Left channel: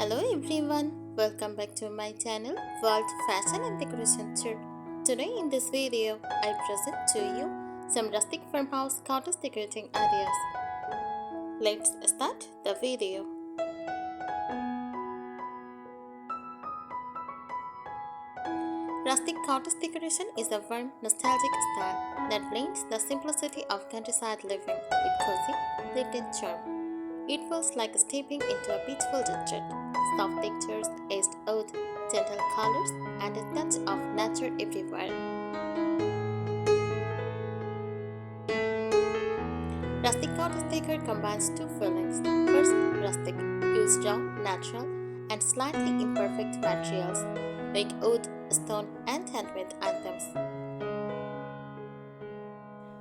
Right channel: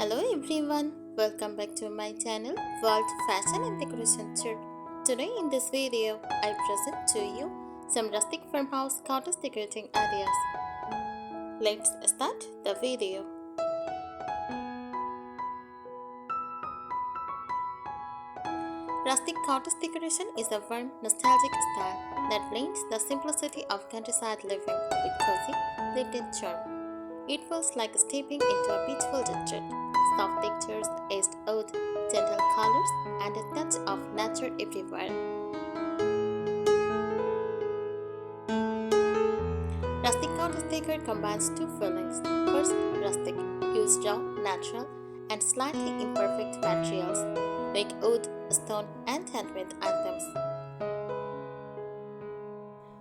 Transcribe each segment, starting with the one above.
Hello everyone, welcome back to my channel World Fashion and Decoration Tour. Today in this video, I present to you some rustic farmhouse cottage decorating ideas. Let's start the video. Rustic cottage decoration is a warm, nostalgic style that blends the simplicity of countryside living with cozy, lived-in charm. It feels like stepping into a peaceful retreat. Soft textures, aged oud, gentle colors, and a touch of nature everywhere. Rustic cottage decor combines two feelings. First, rustic, use raw, natural, and slightly imperfect materials like wood, stone, and handmade items.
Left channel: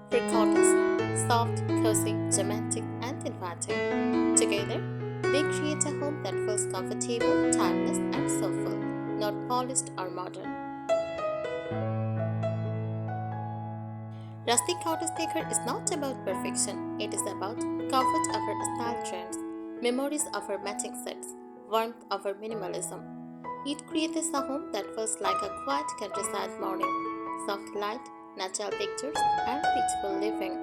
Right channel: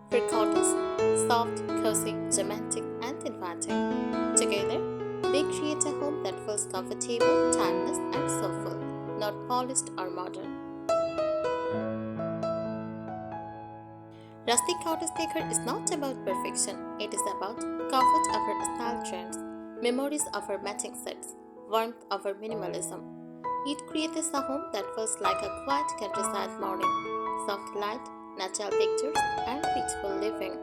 For cottage, soft, cozy, romantic, and inviting. Together, they create a home that feels comfortable, timeless, and soulful, not polished or modern. Rustic cottage decor is not about perfection, it is about comfort over style trends, memories over matching sets, warmth over minimalism. It creates a home that feels like a quiet countryside morning, soft light, natural textures, and peaceful living.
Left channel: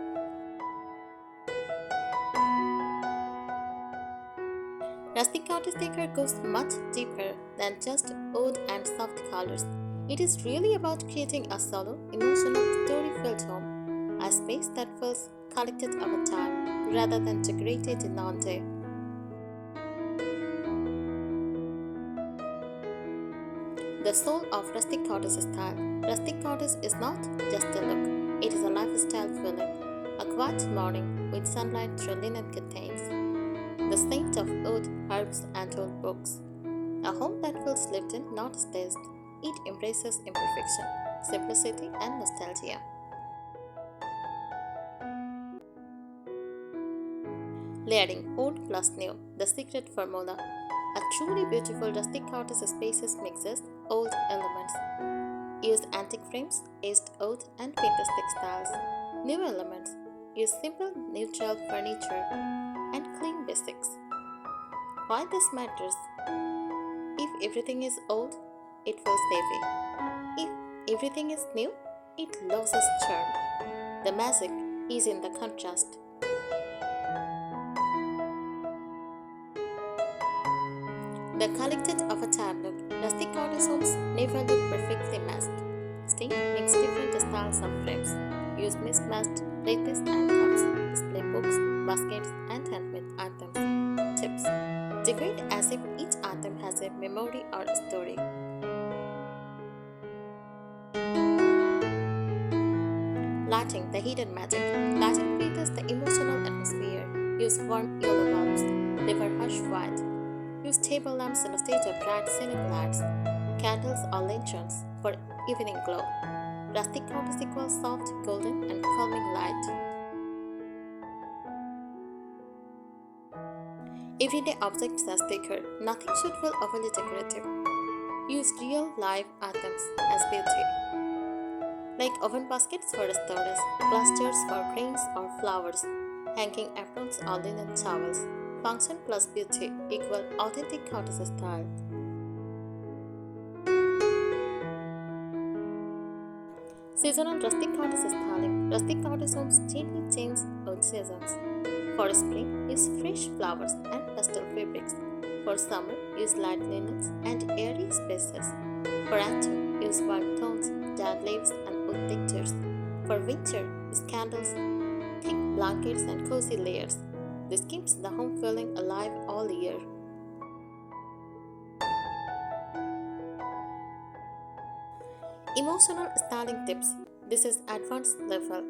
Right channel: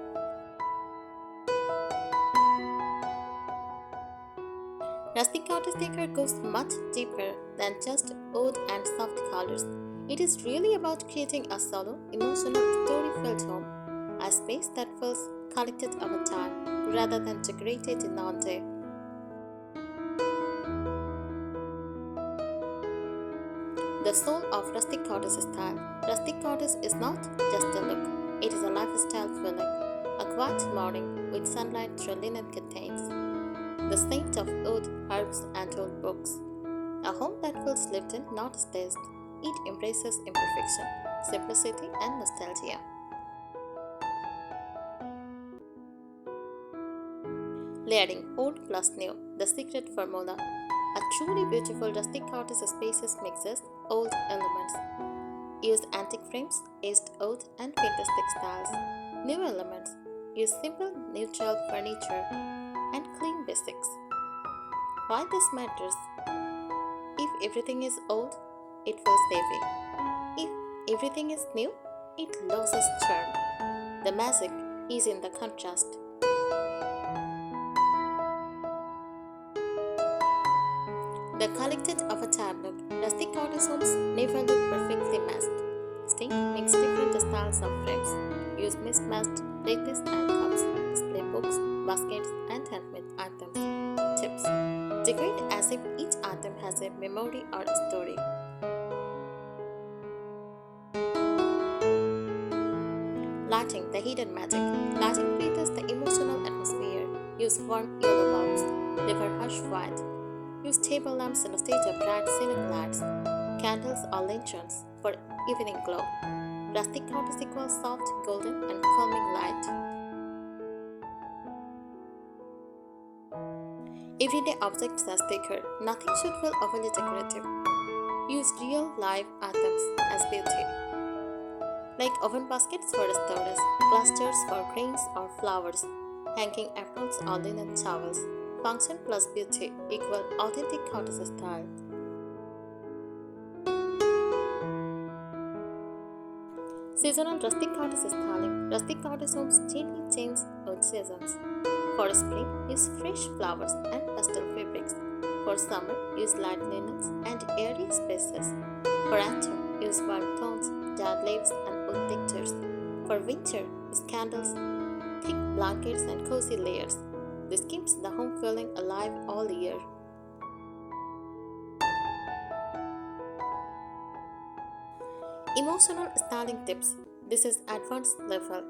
Rustic cottage decor goes much deeper than just wood and soft colors. It is really about creating a solo, emotional, story-filled home, a space that feels collected over time rather than decorated in one day. The soul of rustic cottage style. Rustic cottage is not just a look, it is a lifestyle feeling. A quiet morning with sunlight through linen curtains. The scent of wood, herbs, and old books. A home that feels lived in, not staged. It embraces imperfection, simplicity, and nostalgia. Layering old plus new, the secret formula. A truly beautiful rustic cottage spaces mixes old elements. Use antique frames, aged wood, and vintage textiles. New elements. Use simple, neutral furniture and clean basics. Why this matters? If everything is old, it feels heavy. If everything is new, it loses charm. The magic is in the contrast. The collected of a time look. Rustic cottage homes never look perfectly matched. Stay mix different styles of frames. Use mismatched plates and cups, display books, baskets, and handmade items. Tips: decorate as if each item has a memory or a story. Lighting, the hidden magic. Lighting creates the emotional atmosphere. Use warm yellow bulbs, never harsh white. Use table lamps instead of bright ceiling lights, candles or lanterns for evening glow. Rustic cottage equals soft, golden, and calming light. Everyday objects as decor. Nothing should feel overly decorative. Use real live items as beauty, like oven baskets for storage, clusters for grains or flowers, hanging aprons or linen towels. Function plus beauty equal authentic cottage style. Seasonal rustic cottage styling. Rustic cottage homes gently change with seasons. For spring, use fresh flowers and pastel fabrics. For summer, use light linens and airy spaces. For autumn, use warm tones, dark leaves, and wood textures. For winter, use candles, thick blankets, and cozy layers. This keeps the home feeling alive all year. Emotional styling tips. This is advanced level.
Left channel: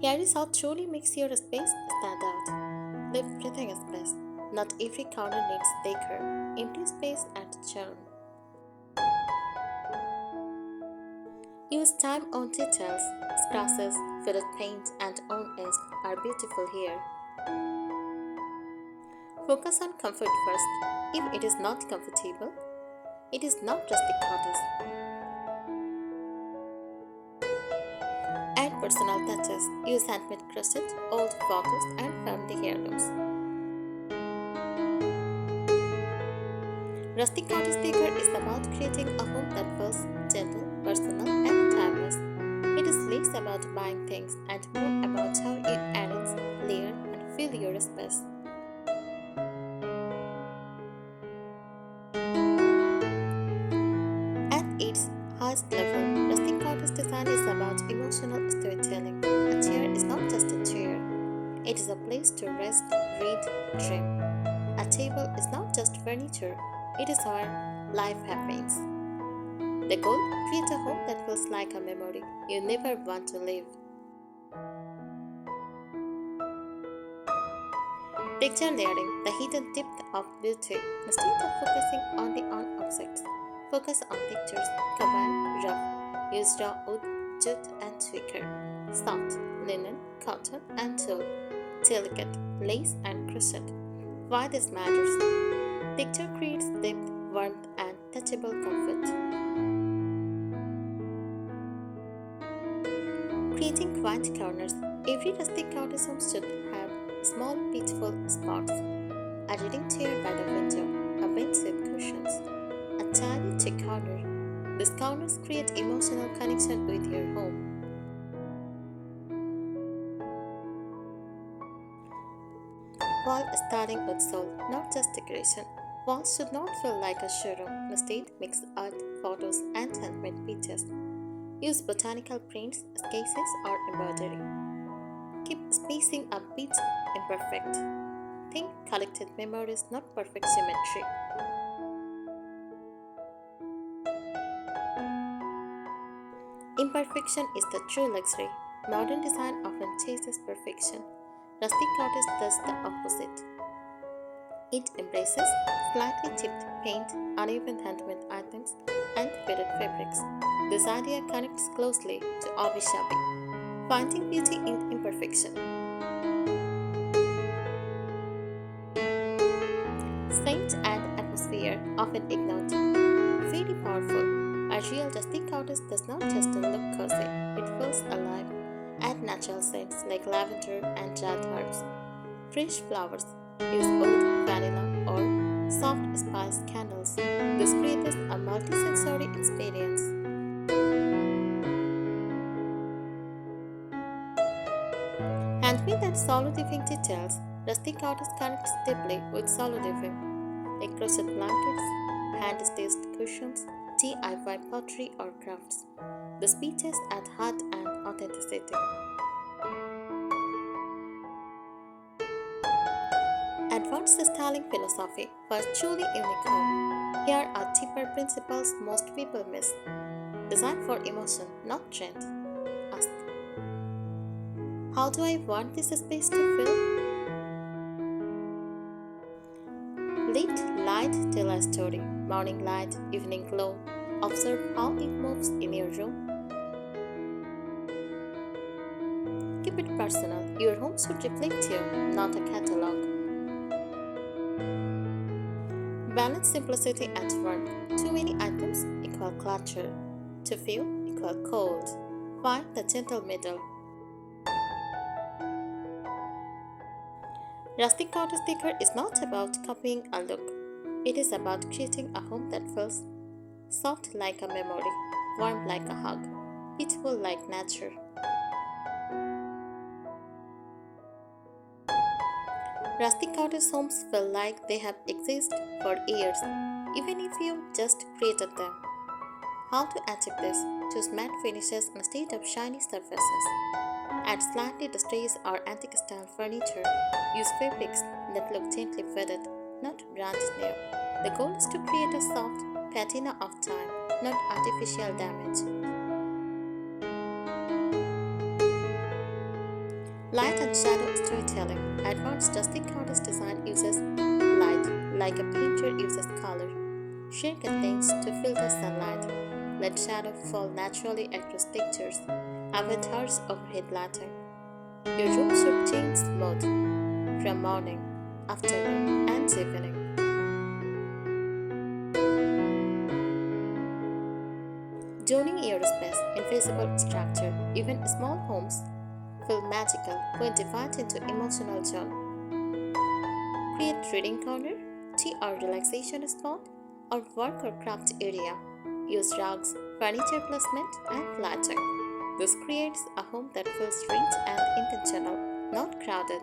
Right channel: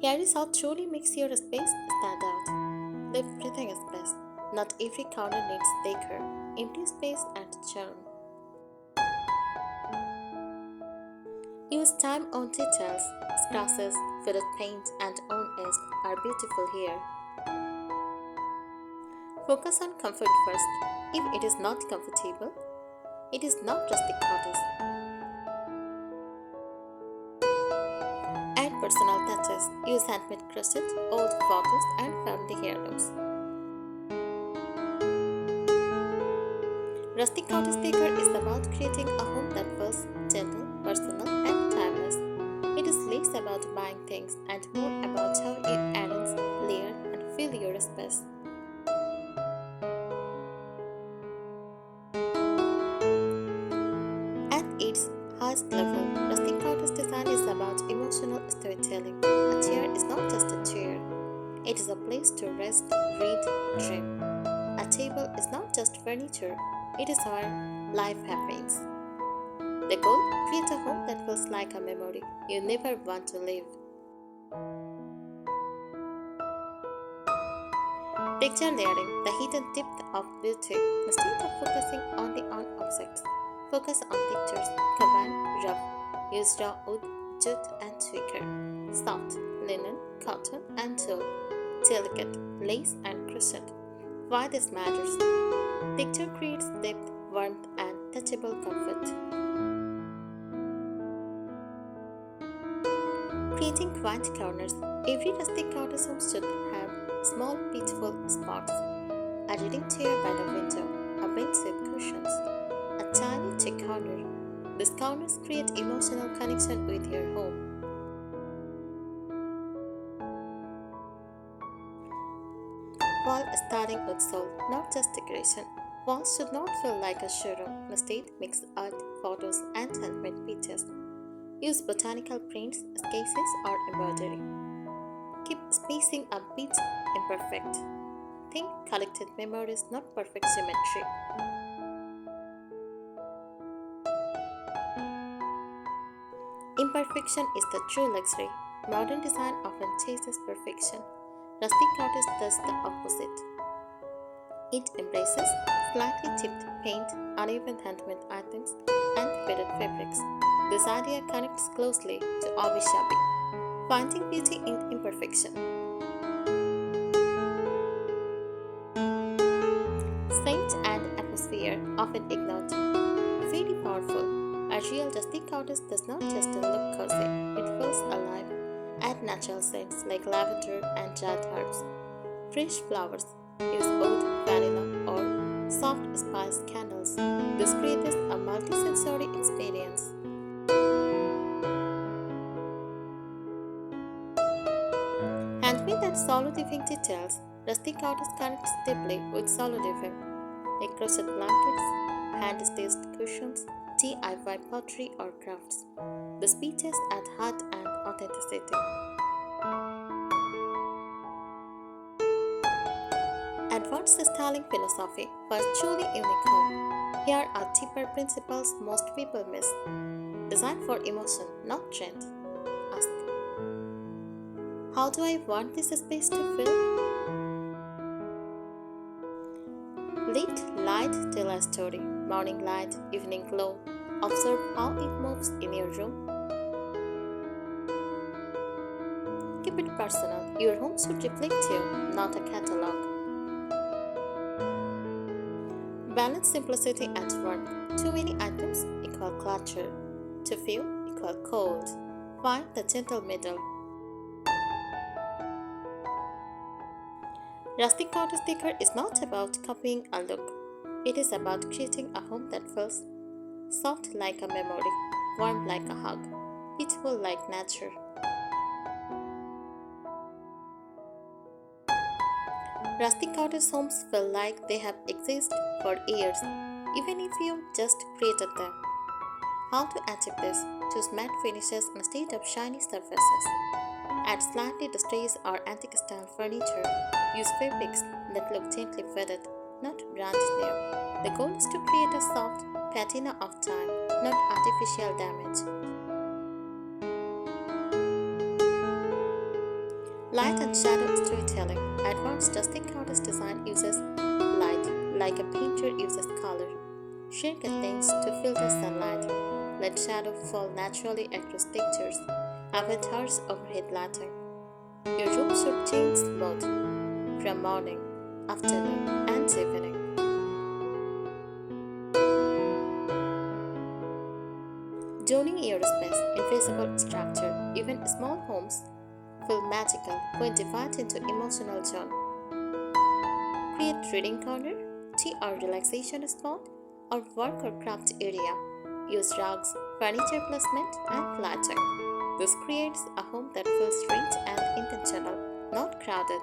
Here is how truly makes your space stand out. Leave breathing space. Not every corner needs decor. Empty space adds charm. Use time-on details. Scratches, faded paint, and on edge are beautiful here. Focus on comfort first. If it is not comfortable, it is not rustic cottage. Add personal touches. Use handmade crochet, old photos, and family heirlooms. Rustic Cottage Decor is about creating a home that feels gentle, personal, and timeless. It is less about buying things and more about how you arrange, layer, and fill your space. At its highest level, rustic cottage design is about emotional storytelling. A chair is not just a chair, it is a place to rest, read, dream. A table is not just furniture, it is where life happens. The goal: create a home that feels like a memory you never want to leave. Picture layering, the hidden depth of beauty. Instead of focusing only on objects, focus on textures. Combine rough, use raw wood, jute, and wicker. Soft, linen, cotton, and tulle. Delicate, lace, and crochet. Why this matters? Texture creates depth, warmth, and touchable comfort. Creating quiet corners. Every rustic cottage home should have small, peaceful spots. A reading chair by the window, a bench with cushions, a tiny chick corner. These corners create emotional connection with your home. Wall starting with soul, not just decoration. Walls should not feel like a showroom. Instead, mix art, photos, and handmade pictures. Use botanical prints, sketches, or embroidery. Keep spacing a bit imperfect. Think collected memories, not perfect symmetry. Imperfection is the true luxury. Modern design often chases perfection. Rustic cottage does the opposite. It embraces slightly chipped paint, uneven handmade items, and faded fabrics. This idea connects closely to Avi Shabi, finding beauty in imperfection. Scent and atmosphere, often ignored. Very powerful. A real rustic cottage does not just look cozy, it feels alive. Add natural scents like lavender and dried herbs. Fresh flowers. Use oud, vanilla, or soft spice candles. This creates a multi-sensory experience. Handmade and solo living details. Rustic cottage connects deeply with solo living, like crochet blankets, hand-stitched cushions, DIY pottery or crafts. The speeches add heart and authenticity. Advanced styling philosophy for a truly unique home. Here are deeper principles most people miss. Design for emotion, not trend. Ask: how do I want this space to feel? Let light tell a story. Morning light, evening glow. Observe how it moves in your room. Keep it personal. Your home should reflect you, not a catalog. Balance simplicity and warmth. Too many items equal clutter. Too few equal cold. Find the gentle middle. Rustic cottage decor is not about copying a look. It is about creating a home that feels soft like a memory, warm like a hug, peaceful like nature. Rustic cottage homes feel like they have existed for years, even if you just created them. How to achieve this? Choose matte finishes instead of shiny surfaces. Add slightly distressed or antique style furniture. Use fabrics that look gently faded, not brand new. The goal is to create a soft patina of time, not artificial damage. Light and shadow storytelling. Advanced rustic cottage design uses light like a painter uses color. Share curtains to filter sunlight. Let shadow fall naturally across textures. Avoid harsh overhead lighting. Your room should change mode from morning, afternoon, and evening. Zoning your space, invisible structure. Even small homes feel magical when divided into emotional zone. Create reading corner, tea or relaxation spot, or work or craft area. Use rugs, furniture placement, and lighting. This creates a home that feels rich and intentional, not crowded.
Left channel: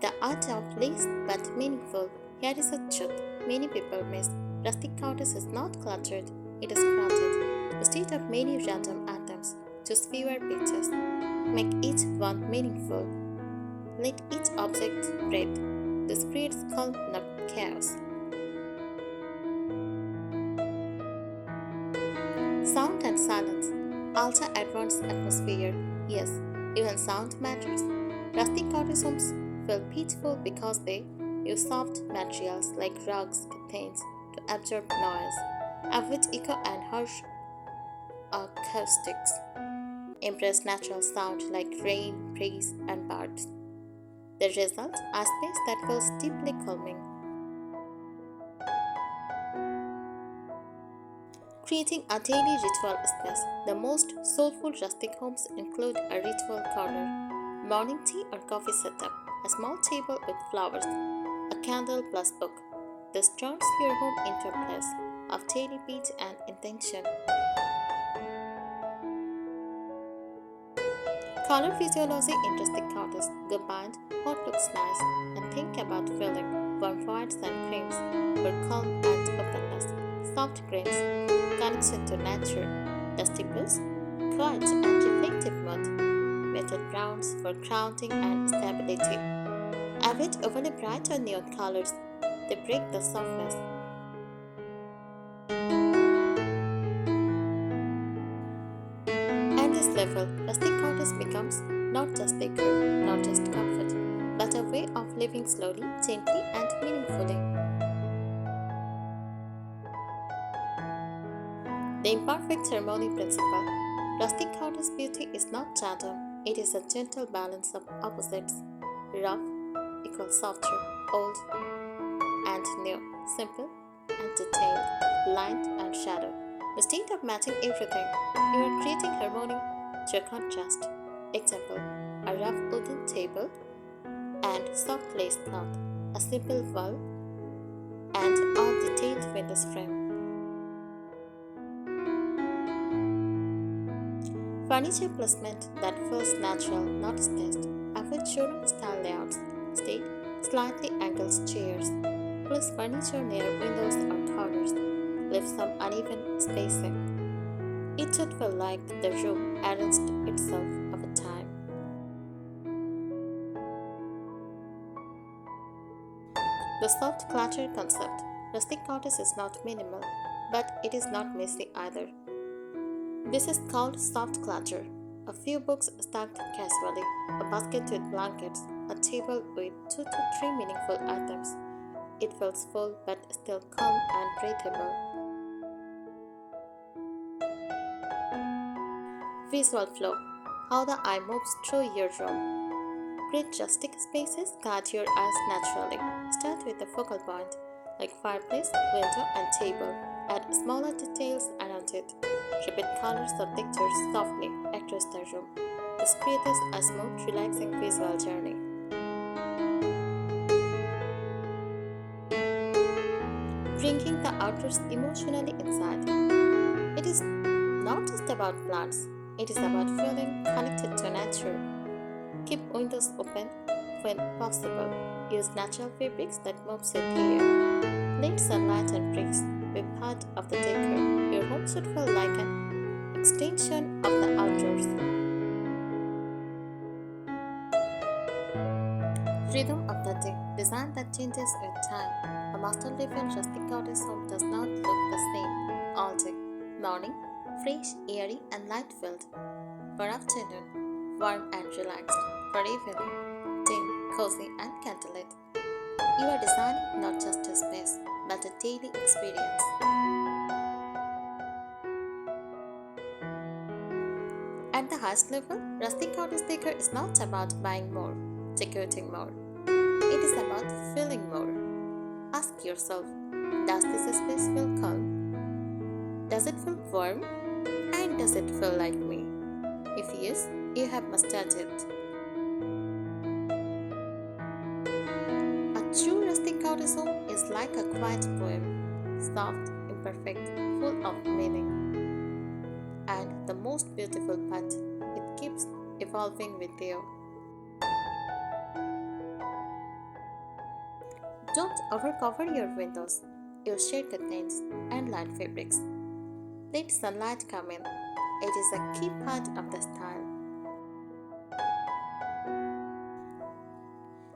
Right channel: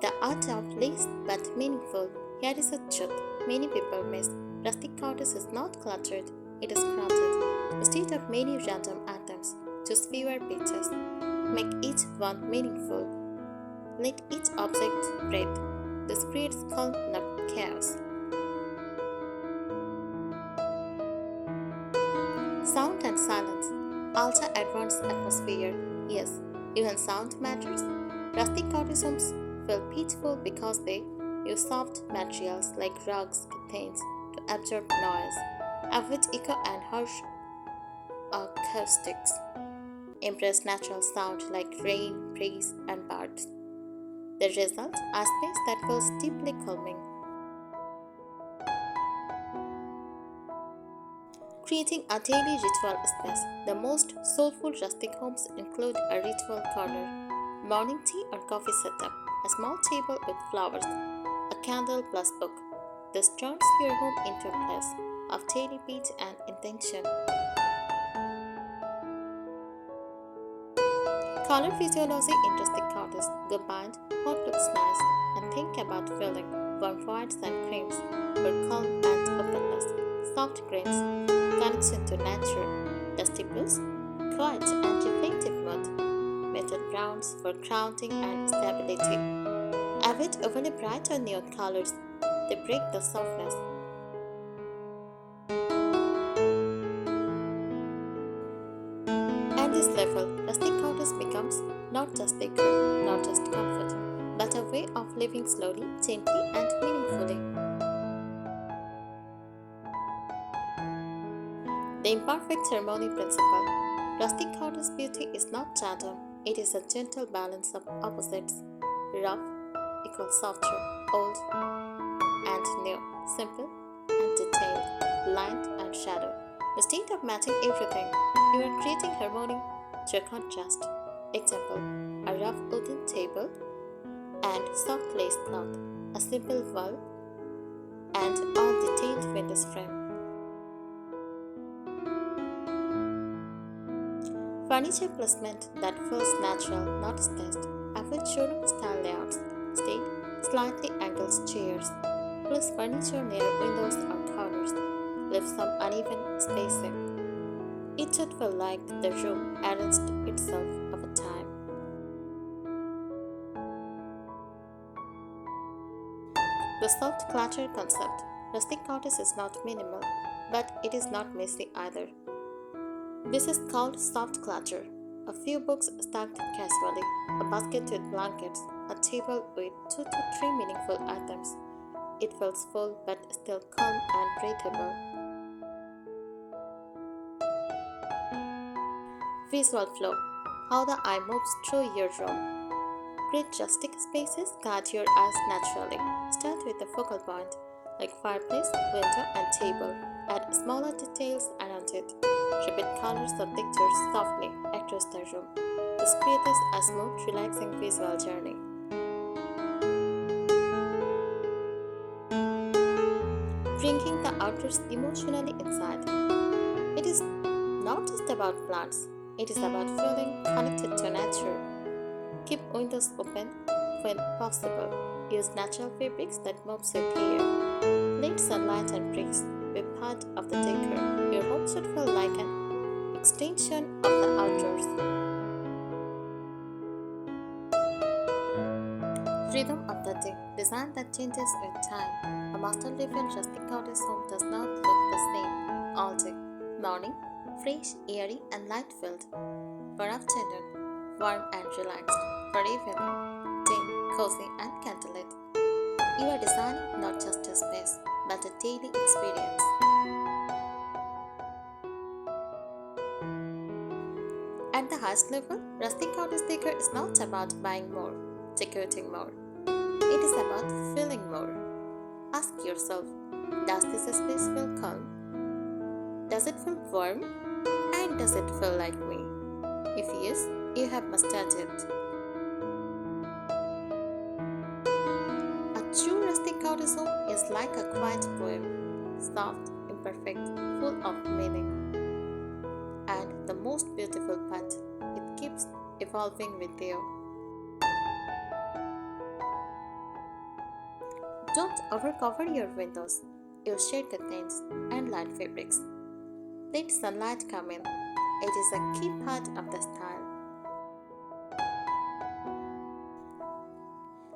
The art of least but meaningful. Here is a truth many people miss. Rustic cottage is not cluttered, it is crafted. Instead of many random items, choose fewer pieces. Make each one meaningful. Let each object breathe. This creates calm, not chaos. Sound and silence. Alter advanced atmosphere. Yes, even sound matters. Rustic cottage homes feel peaceful because they use soft materials like rugs, curtains to absorb noise, avoid echo and harsh acoustics. Embrace natural sound like rain, breeze, and birds. The result, a space that feels deeply calming. Creating a daily ritual space. The most soulful rustic homes include a ritual corner, morning tea or coffee setup, a small table with flowers, a candle plus book. This turns your home into a place of daily peace and intention. Color physiology in rustic cottages. Combined hot looks nice and think about filling warm whites and creams for calm and openness. Soft greens, connection to nature. Dusty blues, quiet and reflective mood. Muted browns for grounding and stability. Avoid overly bright or neon colors. They break the softness. At this level, rustic cottage becomes not just decor, not just comfort, but a way of living slowly, gently, and meaningfully. The imperfect harmony principle. Rustic cottage beauty is not random, it is a gentle balance of opposites. Rough equals softer, old and new, simple and detailed, light and shadow. Instead of matching everything, you are creating harmony through contrast. Example: a rough wooden table and soft lace cloth, a simple wall and all detailed window frame. Furniture placement that feels natural, not staged. Avoid showroom style layouts. Instead, slightly angled chairs. Place furniture near windows or corners. Leave some uneven spacing. It should feel like the room arranged itself over time. The soft clutter concept. Rustic cottage is not minimal, but it is not messy either. This is called soft clutter. A few books stacked casually, a basket with blankets, a table with 2 to 3 meaningful items. It feels full but still calm and breathable. Visual flow. How the eye moves through your room. Create rustic spaces, guide your eyes naturally. Start with a focal point, like fireplace, window, and table. Add smaller details around it. Repeat colors or textures softly across the room. This creates a smooth, relaxing visual journey. Bringing the outdoors emotionally inside. It is not just about plants, it is about feeling connected to nature. Keep windows open when possible. Use natural fabrics that move with air. Let sunlight and breeze be part of the decor. Your home should feel like an extension of the outdoors. Rhythm of the day. Design that changes with time. A master level rustic cottage home does not look the same all day. Morning, fresh, airy, and light filled. For afternoon, warm and relaxed. For evening, dim, cozy, and candlelit. You are designing not just a space, but a daily experience. At the highest level, rustic cottage decor is not about buying more, decorating more. It is about feeling more. Ask yourself, does this space feel calm? Does it feel warm? And does it feel like me? If yes, you have mastered it. A cottage home is like a quiet poem, soft, imperfect, full of meaning. And the most beautiful part, it keeps evolving with you. Don't overcover your windows. Use shade curtains and light fabrics. Let sunlight come in. It is a key part of the style.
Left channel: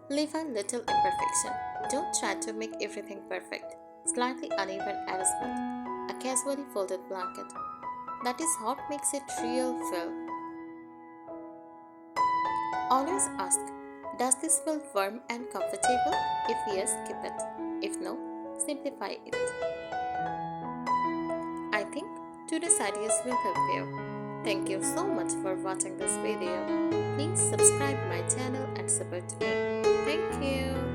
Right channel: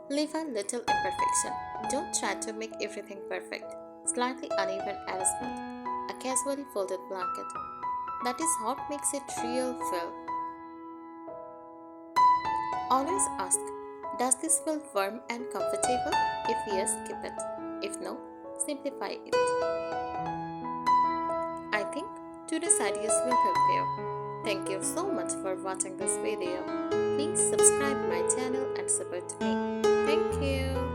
Leave a little imperfection. Don't try to make everything perfect. Slightly uneven arrangement. A casually folded blanket. That is what makes it real feel. Always ask, does this feel warm and comfortable? If yes, keep it. If no, simplify it. I think today's ideas will help you. Thank you so much for watching this video. Please subscribe my channel and support me. Thank you.